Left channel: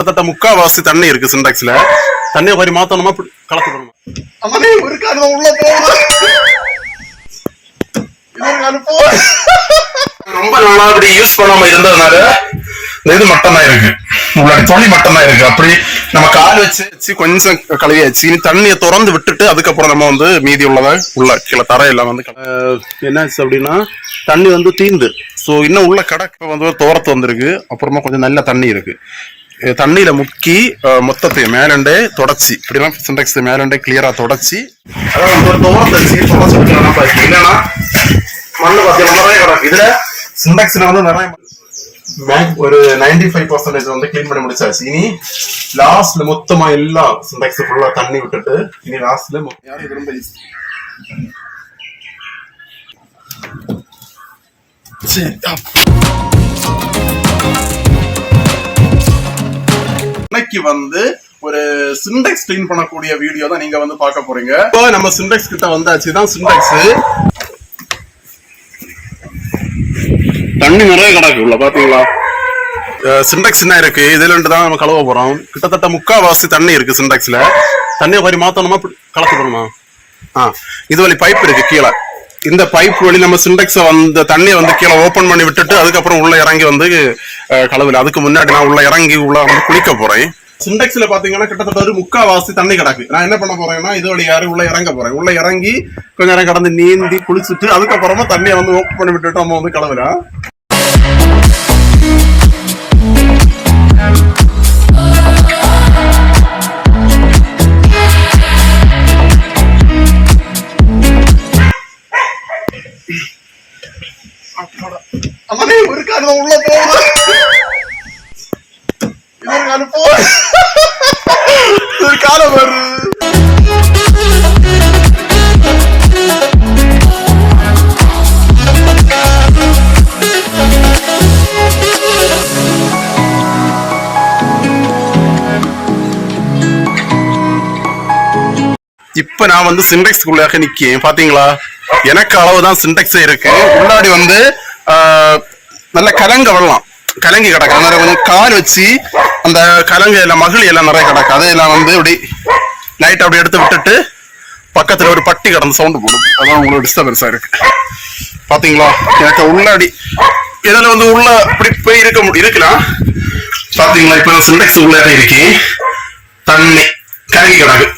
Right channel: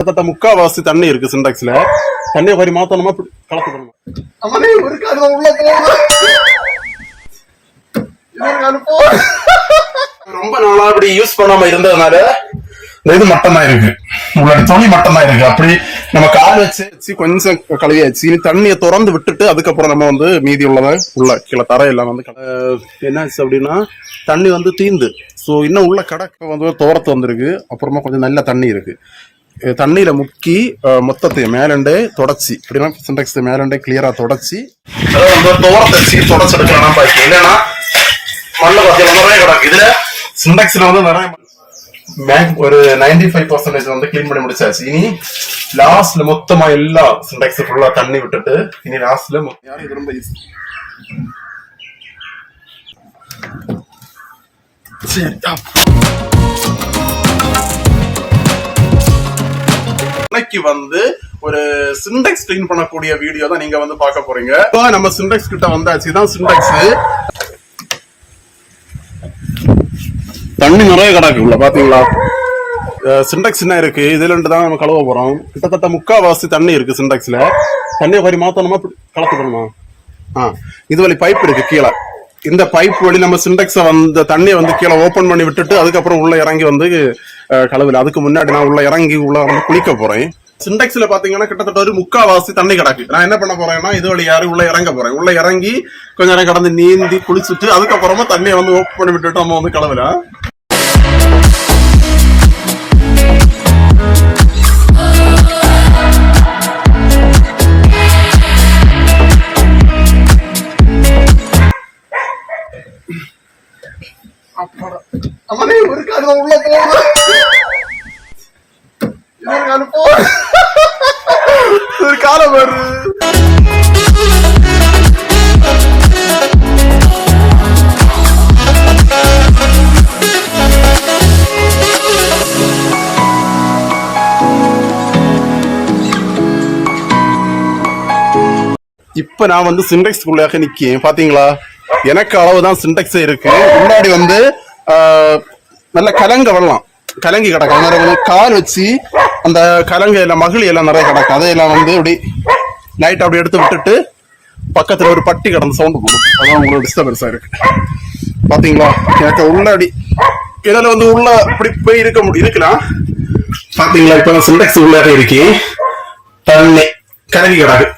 கிட்டத்தட்ட முக்காவாசி தண்ணி இருக்கு சிண்டாக்ஸ்ல தண்ணியை கொஞ்சம் மாத்தணுமா? இப்படி கலக்கணுமா அவனே ஒரு காலம் உள்ள போகுது இன்னொரு காலம் போ ரொம்ப நாளா அப்படி யூஸ் பண்ணாம இருந்ததுனால இந்த இது மட்டும் தான் இருக்கு. உங்களோட துணி மட்டும் தான் இருக்கு. அப்படி நம்ம கால் வச்சு வச்சு கொஞ்சம் கழுவியாச்சு. இனி தண்ணியை திறந்து விட்டுட்டு அதுக்கப்புறம் நம்ம வந்து மீதி உள்ளதை உள்ள கீழே தரையெல்லாம் வந்து என்னாச்சு அப்படின்னா தண்ணி வந்து தீந்து. ஸோ இன்னும் உள்ள கடக்க வந்து தோரத்து வந்திருக்கு. அப்புறமா கொஞ்சம் நல்ல தண்ணி இருக்கு. அஹ் தண்ணியில முக்கி அஹ் மொத்தத்தையும் மேலண்டே தொடச்சி இப்படிலாம் சிண்டெக்ஸ் மேலண்டே கிளியரா தொடச்சி அதாவது வந்து ஒரு தோரத்தை வச்சு தொடச்சு எடுக்கலாம் பாக்கி இல்லைன்னா மண்ணு பார்த்தீங்கன்னா நிறைய கிடக்கு இதுல சிண்டெக்ஸ்ல வந்து நிறைய பேங்க் ஒரு 95% ஃபைவ் பர்சன்டேஜ் வந்து க்ளீன் பண்ணி முடிச்சாச்சு இனி லாஸ்ட்ல மொத்தமா எல்லா சிண்டெக்ஸ் ஃபுல்லா தண்ணி விட்டுட்டு இனி லாஸ்ட்ல இன்னைக்கு வந்து ஒரு சிண்டெக்ஸ் கிளீன் பண்ணக்கூடிய வீடியோ தான் நீங்க வந்து பார்க்க போறீங்க. இப்போ நம்ம சிண்டெக்ஸ் கிட்ட வந்தாச்சு. தான் சிண்டெக்ஸ் தண்ணி நிறைய கிடக்கு உள்ள பாத்தீங்களா? சிண்டெக்ஸ் என்ன இருக்கு? இதுல இருந்து தான் நம்ம கழுவ போறோம். கிட்டத்தட்ட முக்காவாசி தண்ணி இருக்கு சிண்டெக்ஸ்ல தண்ணியை கொஞ்சம் மாத்தணுமா? இப்படி ஆ இது வழி பைப் இருக்கு கீழே. இந்த பைப் வழி நம்ம சிண்டெக்ஸை வந்து தண்ணியை வந்து கீழே ஓபன் பண்ணி விட்டுட்டு அதுக்கப்புறம் உள்ள இறங்கி வந்து அஹ், அதுக்கு முன்னாடி நான் உள்ள இறங்கி உள்ள வந்து குளிக்க போறேன். சிண்டெக்ஸ்ல பாத்தீங்கன்னா கிட்டத்தட்ட ஒரு முக்காவாசி தண்ணி கிடக்கு. நான் என்ன பண்ண போறேன்னா இது வழி யாரும் உள்ள இறங்க போறேன். உள்ள இறங்கி கொஞ்ச நேரம் கடந்து நீந்தி குளிச்சுட்டு அதுக்கப்புறமா தண்ணியை வந்து ஓப்பன் பண்ணி விட்டுட்டு நம்ம வந்து கழுவலாம் இப்ப நான் வந்து சிண்டெக்ஸ்க்குள்ளாக நிக்கேன். பாத்தீங்களா? எனக்கு அளவுதான் சிண்டெக்ஸ் இருக்கு. முன்னாடி வந்து நல்ல கலங்க வரலாம். கலங்கி கிடக்கும். அந்த வந்து கால் வச்சு அந்த கலங்க எல்லாம் மகிழி எல்லாம் நிறைய கிடக்கு அதையெல்லாம் வந்து இப்படி லைட் அப்படி எடுத்து விட்டுட்டு பக்கத்துல ஒரு பட்டி கடந்த சவுண்டு போடும். அதான் உங்களுக்கு டிஸ்டர்பன்ஸா இருக்கு. பாத்தீங்களா? எனக்கு உள்ளாடி இதில் வந்து உள்ள இப்படி போய் இருக்க முடியும் இருக்கலாம். பாத்தீங்களா? இப்ப நான் சிண்டெக்ஸ் உள்ளாக இருக்கேன். தண்ணி கலங்கி கிடக்கு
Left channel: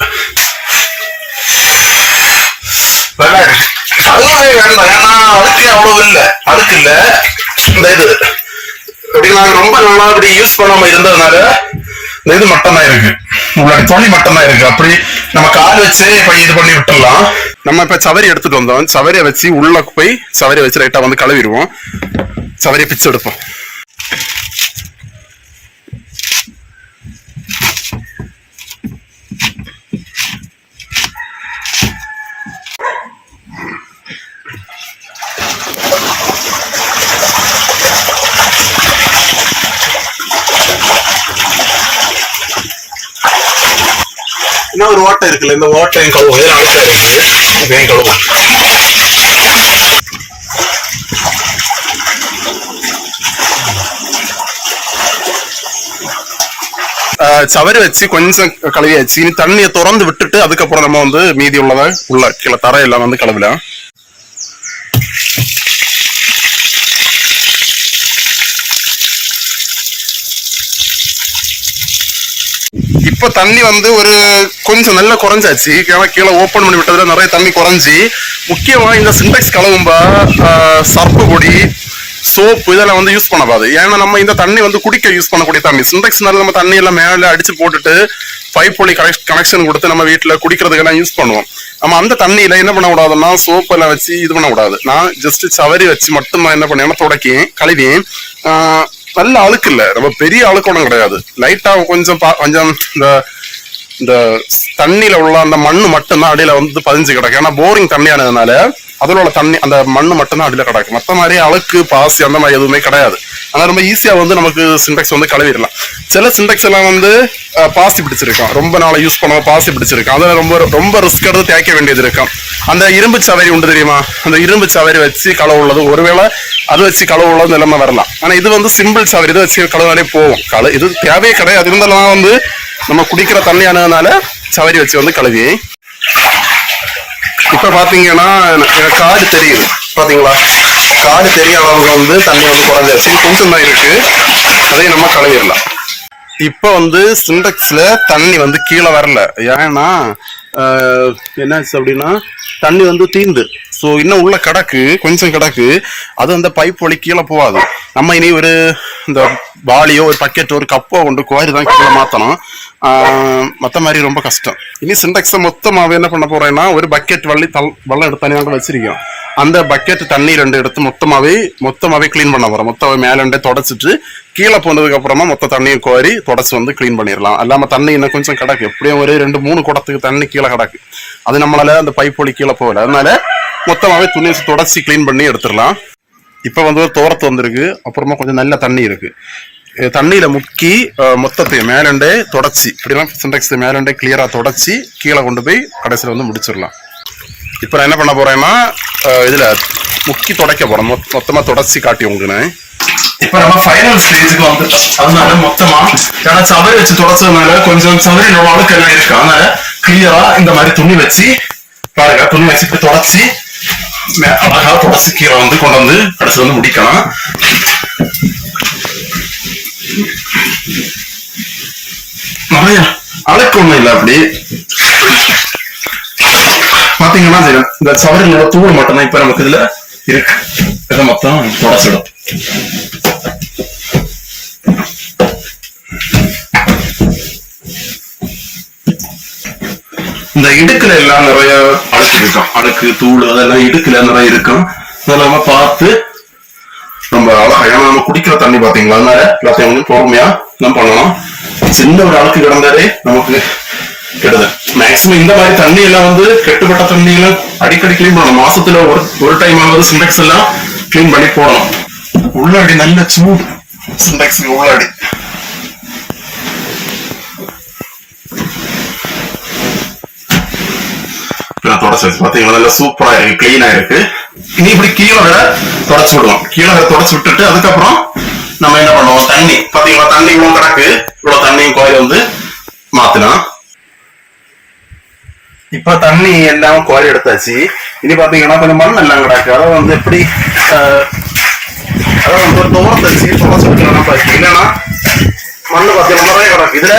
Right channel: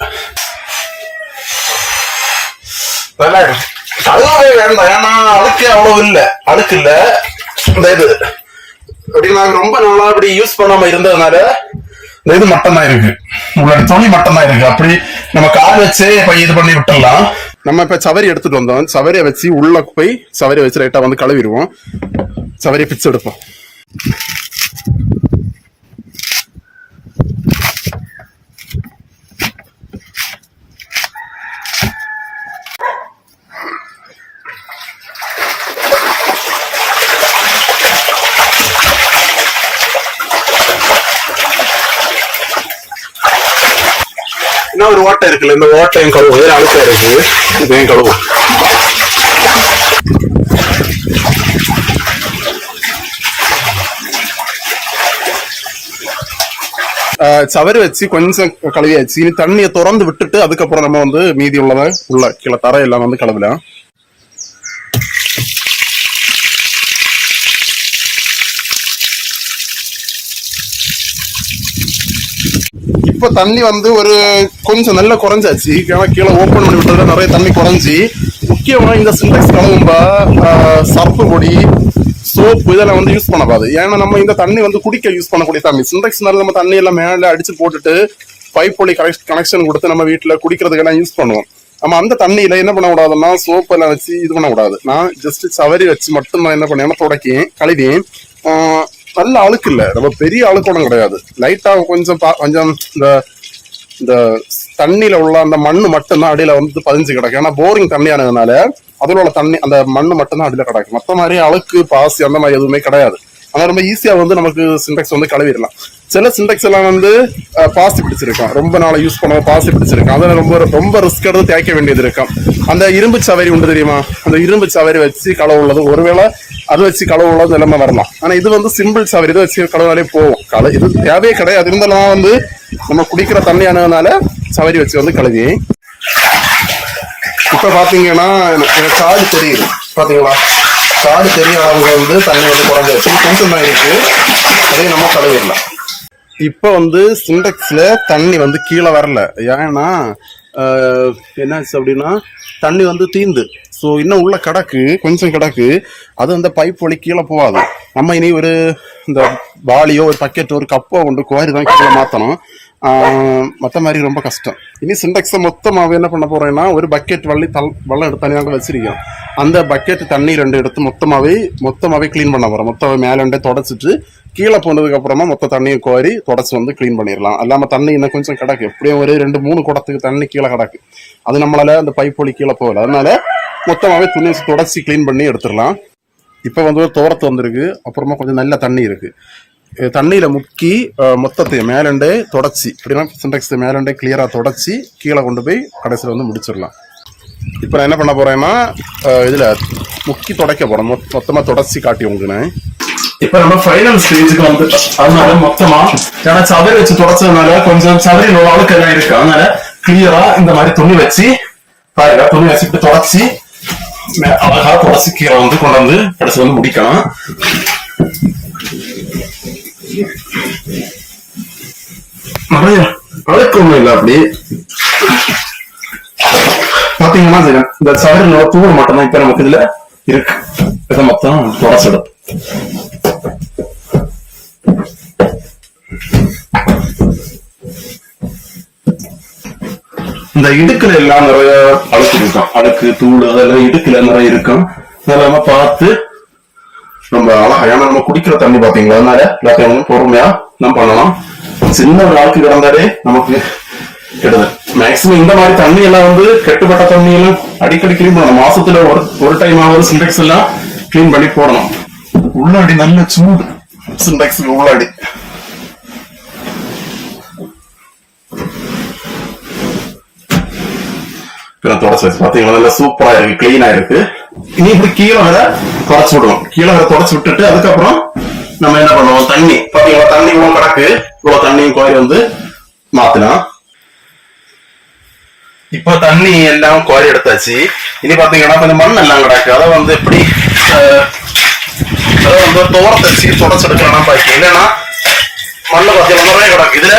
நல்லா இருக்கு கழுவவே வேண்டாம் ஏன்னா அழுக்கு அவ்வளவு இல்ல. அழுக்கு இல்ல. இந்த இது. அப்படி ரொம்ப நாளா அப்படி யூஸ் பண்ணாம இருந்ததுனால இந்த இது மட்டும்தான் இருக்கு. உங்களோட துணி மட்டும்தான் இருக்கு. அப்படி நம்ம கால் வச்சு இப்ப இது பண்ணி விட்டுடலாம். நம்ம இப்ப சவரி எடுத்துட்டு வந்தோம். சவரியை வச்சு உள்ள போய் சவரியை வச்சு லைட்டா வந்து கழுவிடுவோம். சவரியை பிச்சு எடுப்போம். இன்னும் ஒரு ஓட்டை இருக்குல்ல இந்த ஓட்டையும் கழுவும் இதுல அழுக்கா இருக்கு இதையும் கழுவும் ஆஹ் சவரி வச்சு கொஞ்சம் கழுவியாச்சு. இனி தண்ணியை திறந்து விட்டுட்டு அதுக்கப்புறம் நம்ம வந்து மீதி உள்ளதை உள்ள கீழே தர எல்லாம் வந்து கழுவலாம். இப்ப தண்ணி வந்து ஒரு கொஞ்சம் நல்லா குறைஞ்சாச்சு. ஏன்னா கீழே ஓப்பன் பண்ணி விட்டதுல நிறைய தண்ணி குறைஞ்சி. முக்கியமா இந்த சிண்டெக்ஸ் கலவும்பா சர்ப்பு பொடி சோப்பு இதெல்லாம் வந்து யூஸ் பண்ணக்கூடாது. ஏன்னா நம்ம இந்த தண்ணி வந்து குடிக்க யூஸ் பண்ணக்கூடிய தண்ணி. சிண்டெக்ஸ்னால நம்ம தண்ணி எல்லாம் மேலே அடிச்சு போட்டுட்டு பைப் பொடி கனெக்ஷன் கொடுத்து நம்ம வீட்டில் குடிக்கிறதுக்கெல்லாம் யூஸ் பண்ணுவோம். நம்ம அந்த தண்ணியில் என்ன பண்ணக்கூடாதுன்னா சோப்பு எல்லாம் வச்சு இது பண்ணக்கூடாது. நான் ஜஸ்ட் சவரி வச்சு மட்டும் நான் என்ன பண்ணேன்னா துடைக்கேன் கழுவியேன் நல்ல அழுக்கு இல்லை ரொம்ப பெரிய அழுக்கோடம் கிடையாது. லைட்டா கொஞ்சம் பா- கொஞ்சம் இந்த இந்த தண்ணியில உள்ள அந்த மண்ணு மட்டும்தான் அடியில வந்து பதிஞ்சு கிடக்கு. ஏன்னா போரிங் தண்ணியானதுனால அதில் உள்ள தண்ணி அந்த மண்ணு மட்டும்தான் அடியில கிடக்கு. மற்ற மாதிரி அழுக்கு பாசி அந்த மாதிரி எதுவுமே கிடையாது. ஆனால் ரொம்ப ஈஸியாக வந்து நமக்கு சிண்டெக்ஸ் வந்து கழுவிடலாம். சில சிண்டெக்ஸ் எல்லாம் வந்து பாசி பிடிச்சிருக்கும் ரொம்ப நாளை யூஸ் பண்ண பாசி பிடிச்சிருக்கும் அதில் ரொம்ப ரொம்ப ரிஸ்க் எடுத்து தேய்க்க வேண்டியது இருக்கும் அந்த இரும்பு சவரி உண்டு தெரியுமா? அந்த இரும்பு சவரி வச்சு களவு உள்ளது ஒருவேளை அது வச்சு களவு உள்ளது நிலைமை வரலாம். ஆனால் இது வந்து சிம்பிள் சவரி. இதை வச்சு களவுனாலே போகும் கள இது தேவையே கிடையாது. இருந்தாலும் வந்து நம்ம குடிக்கிற தண்ணியானதுனால சவரி வச்சு வந்து கழுவி இப்போ பார்த்தீங்கன்னா எனக்கு காடு தெரியுது. பார்த்தீங்களா காடு தெரிய அளவுக்கு வந்து தண்ணி வந்து குறைஞ்சாச்சு கொஞ்சம் தான் இருக்கு. அதையும் நம்ம கழுவிடலாம். இப்போ வந்து சிண்டெக்ஸ்ல தண்ணி வந்து கீழே வரல. ஏன்னா என்னாச்சு அப்படின்னா தண்ணி வந்து தீந்து. ஸோ இன்னும் உள்ள கிடக்கு கொஞ்சம் கிடக்கு. அது அந்த பைப் வழி கீழே போகாது. நம்ம இனி ஒரு இந்த பாலியோ ஒரு பக்கெட்டோ ஒரு கப்போ கொண்டு குவாரி தான் கீழே மாற்றணும் மற்ற மாதிரி ரொம்ப கஷ்டம். இனி சிண்டெக்ஸை மொத்தமாகவே என்ன பண்ண போகிறேன்னா ஒரு பக்கெட் வள்ளி தல் வெள்ளம் எடுத்து தனியாக வச்சிருக்கோம் அந்த பக்கெட் தண்ணி ரெண்டு எடுத்து மொத்தமாகவே மொத்தமாகவே க்ளீன் பண்ண போகிறோம் மொத்தமாகவே மேலே தொடச்சிட்டு கீழே போனதுக்கு அப்புறமா மொத்த தண்ணியும் கோரி தொடச்சி வந்து க்ளீன் பண்ணிடலாம். இல்லாமல் தண்ணி இன்னும் கொஞ்சம் கிடக்கு. எப்படியும் ஒரு ரெண்டு மூணு குடத்துக்கு தண்ணி கீழே கிடக்கு. அது நம்மளால அந்த பைப் வழி கீழே போகல. அதனால மொத்தமாகவே துணி வச்சு தொடச்சி க்ளீன் பண்ணி எடுத்துடலாம். இப்போ வந்து ஒரு தோரத்து வந்திருக்கு. அப்புறமா கொஞ்சம் நல்ல தண்ணி இருக்குது தண்ணியில் முக்கி மொத்தத்தையும் மேலண்டே தொடச்சி. இப்படிலாம் சின்டெக்ஸ் மேலண்டே கிளியராக தொடச்சி கீழே கொண்டு போய் கடைசியில் வந்து முடிச்சிடலாம். இப்போ நான் என்ன பண்ண போறேன்னா இதில் இதுல முக்கி தொடக்க போகிறேன் மொத்தமாக மொத்தமா தொடச்சி காட்டி உங்களுக்கு இப்போ நம்ம ஃபைனல் ஸ்டேஜுக்கு வந்துட்டோம் அதனால மொத்தமா ஏன்னா சவரி வச்சு தொடச்சதுனால கொஞ்சம் சவரியில் உள்ள அழுக்கு எல்லாம் இருக்கு. அதனால கிளியராக இந்த மாதிரி துணி வச்சு பாருங்க துணி வச்சு இப்படி தொடச்சி அழகாக அழகா தொடச்சி கீரை வந்து கொண்டு வந்து கடைசி வந்து முடிக்கலாம். நிறைய அழுக்கு ஒண்ணும் இல்லை அப்படி. பாத்தீங்கன்னா சரி இந்த சவரனோட தூள் மட்டும் தான் இப்ப நமக்கு இதுல இருக்கு. இதை மொத்தம் தொடச்சிடும். இந்த இடுக்குல எல்லாம் நிறைய அழுக்கு இருக்கும் அழுக்கு தூள் அதெல்லாம் இடுக்குல நிறைய இருக்கும் அதெல்லாம் பார்த்து நம்ம அழகா ஏன்னா நம்ம குடிக்கிற தண்ணி பாத்தீங்களா? அதனால எல்லாத்தையும் பொறுமையா நம்ம பண்ணலாம். சின்ன ஒரு அழுக்கு கிடந்தாலே நமக்கு கெடுதல். மேக்சிமம் இந்த மாதிரி தண்ணி எல்லாம் வந்து கெட்டுப்பட்ட தண்ணி எல்லாம் அடிக்கடி கிளீன் பண்ணணும். மாசத்துல ஒரு ஒரு டைம் ஆகுது சிண்டெக்ஸ் எல்லாம் கிளீன் பண்ணி போடணும். உள்ளாடி நல்ல சூடு சிண்டெக்ஸ் உள்ளாடி. வச்சு பாத்தீங்களா? நல்லா சூப்பரா இருக்கு கிளீனா இருக்கு. இனி இப்படி கீழே வர தொடச்சு விடுவோம் கீழே வர தொடச்சு விட்டுட்டு அதுக்கப்புறம் நம்ம என்ன பண்ணுவோம்? தண்ணி. பாத்தீங்களா? தண்ணி இவ்வளவு கிடக்கு. இவ்வளவு தண்ணியும் கோயில் வந்து மாத்தலாம். இப்ப தண்ணி எல்லாம் கோரி எடுத்தாச்சு. இனி பாத்தீங்கன்னா கொஞ்சம் மண் எல்லாம் கிடக்கு. அதை வந்து எப்படி அஹ், அதை வந்து ஒரு தோரத்தை வச்சு தொடச்செடுக்கலாம் பாக்கி இல்லைன்னா மண்ணு பாத்தீங்கன்னா நிறைய கிடக்கு. இதுல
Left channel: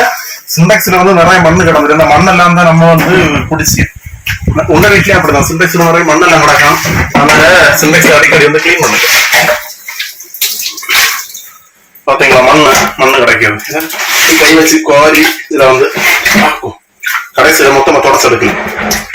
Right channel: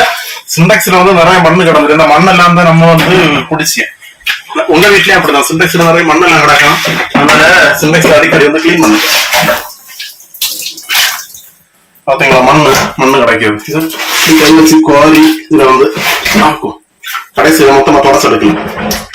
சிண்டெக்ஸ்ல வந்து நிறைய மண்ணு கிடந்துரு இந்த மண்ணெல்லாம் தான் நம்ம வந்து குடிச்சு உங்க வீட்லயும் அப்படிதான். சிண்டெக்ஸ்ல நிறைய மண்ணெல்லாம் கிடக்கும். அதனால சிண்டெக்ஸ் அடிக்கடி வந்து கிளீன் பண்ணுங்க. பாத்தீங்களா? மண்ணு மண்ணு கிடைக்குது. கை வச்சு கோரி இதுல வந்து ஆக்கும். கடைசியில் மொத்தமாக தொடச்சு எடுக்கணும்.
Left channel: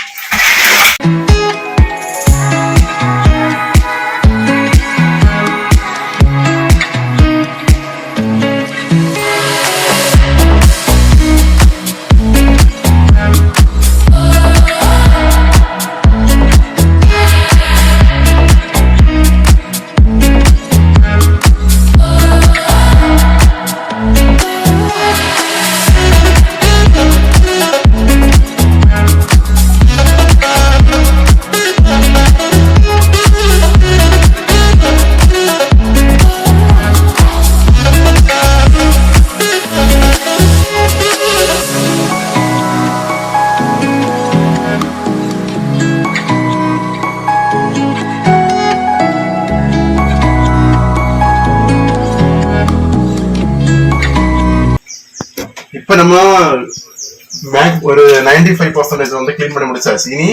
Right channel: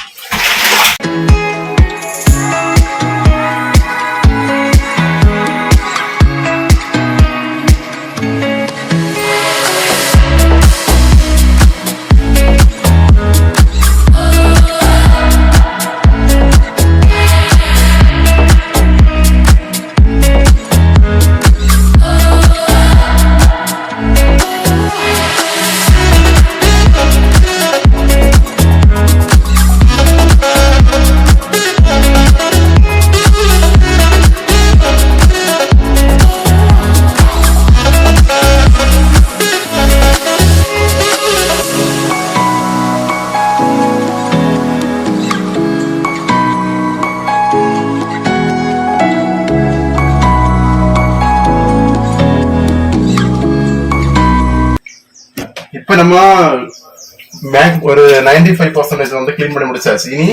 நைன்டி ஃபைவ் பர்சன்டேஜ் வந்து கிளீன் பண்ணி முடிச்சாச்சு. இனி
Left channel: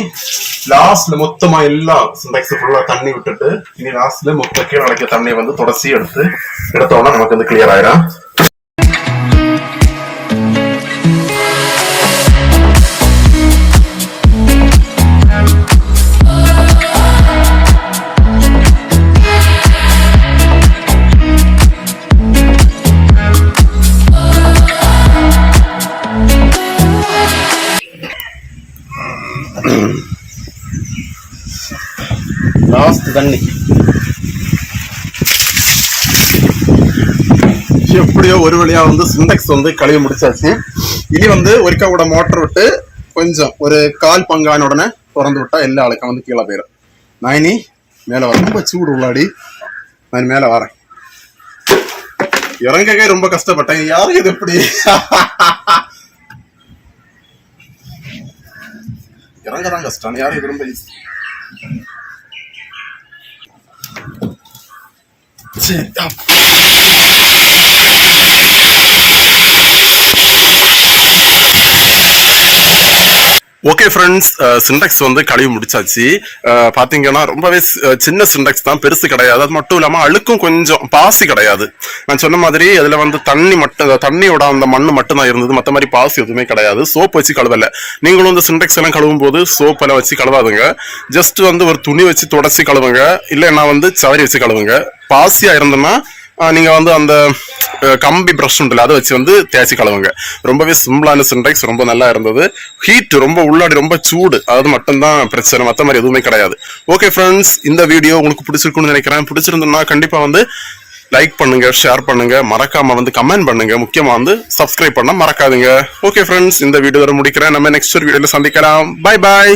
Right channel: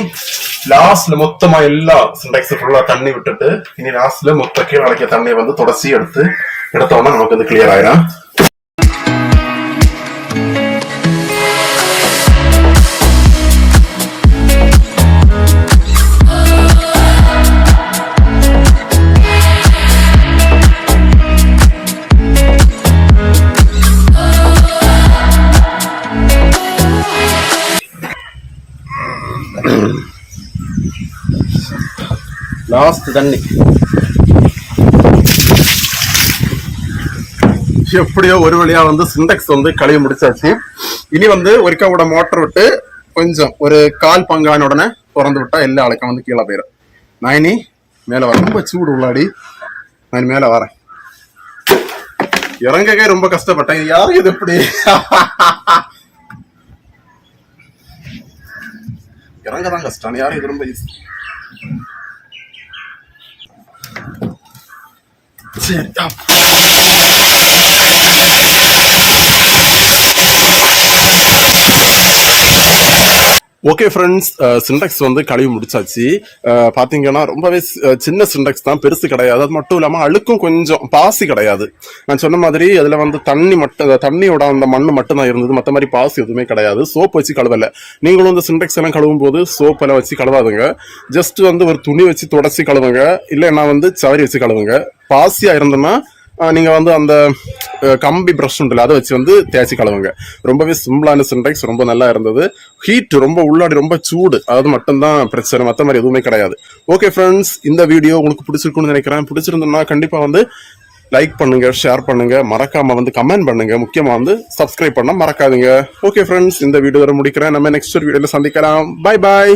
லாஸ்ட்ல மொத்தமா எல்லா சிண்டெக்ஸ் ஃபுல்லா தண்ணி விட்டுட்டு இனி லாஸ்ட்ல மொத்த கீழே நடக்க தண்ணியை வந்து தொடச்சி எடுத்து எடுத்தோம்னா நமக்கு வந்து கிளியர் ஆயிரும். ஜாஸ்தி தண்ணி. எப்படியோ ஒரு வழியா வந்து சிண்டெக்ஸ் வந்து கழுவி முடிச்சாச்சு. இனி வந்து ஒருக்கா கூட மோட்டர் விட்டு கொஞ்சம் ஒரு கால் பங்கான உடனே திறந்து விட்டா எல்லா அழைக்கம் வந்து கீழே போயிடும் நான் இனி மேலே வரேன் ரொம்ப சூடு உள்ளாடி. நான் மேல மேலே வரேன். இறங்கவே ரொம்ப கஷ்டப்பட்டேன். யாரும் இது எப்படி இறங்க தான் கஷ்டம். யாரும் இது ரொம்ப ஈஸி 我是 ஓகே ஃப்ரெண்ட்ஸ் சிண்டெக்ஸ் வந்து கழுவி முடிச்சாச்சு. Uh, பார்த்தீங்கன்னா ரொம்பவே uh, சின்ன சிண்டெக்ஸ் தான் பெருசு கிடையாது. அது மட்டும் இல்லாமல் அழுக்கும் கொஞ்சம் பாசி கிடையாது. நான் சொன்ன மாதிரி அதில் வந்து தண்ணி மட்டும் தண்ணியோட அந்த மண் மட்டும் தான் இருந்தது. மற்ற மாதிரி பாசி எதுவுமே கிடையாது. சோப் வச்சு கழுவலை. நீங்களும் இந்த சிண்டெக்ஸ் எல்லாம் கழுவும் போது சோப் எல்லாம் வச்சு கழுவாதுங்க. ஜஸ்ட் வந்து ஒரு துணி வச்சு தொடச்சி கழுவுங்க. இல்லைன்னா வந்து சவரி வச்சு கழுவுங்க. பாசியாக இருந்தோம்னா நீங்கள் வந்து அந்த கம்பி ப்ரஷ் உண்டுல அதை வச்சு வந்து தேய்ச்சி கழுவுங்க. ரொம்பவே சிம்பிளான சின்டெக்ஸ் ரொம்ப நல்லா இருந்தது. ஹீட் ரொம்ப உள்ளாடி ரொம்ப சூடு. அது மட்டும்தான் பிரச்சனை மற்ற மாதிரி எதுவுமே கிடையாது. ஓகே ஃப்ரெண்ட்ஸ் இந்த வீடியோ உங்களுக்கு பிடிச்சிருக்குன்னு நினைக்கிறேன். பிடிச்சிருந்தோம்னா கண்டிப்பாக வந்து லைக் பண்ணுங்க ஷேர் பண்ணுங்க. மறக்காம வந்து கமெண்ட் பண்ணுங்க. முக்கியமா வந்து சப்ஸ்கிரைப் பண்ண மறக்காதுங்க. ஓகே ஃப்ரெண்ட்ஸ் இந்த வீடியோ முடிக்கிறேன். நம்ம நெக்ஸ்ட் ஒரு வீடியோல சந்திக்கலாம். Bye bye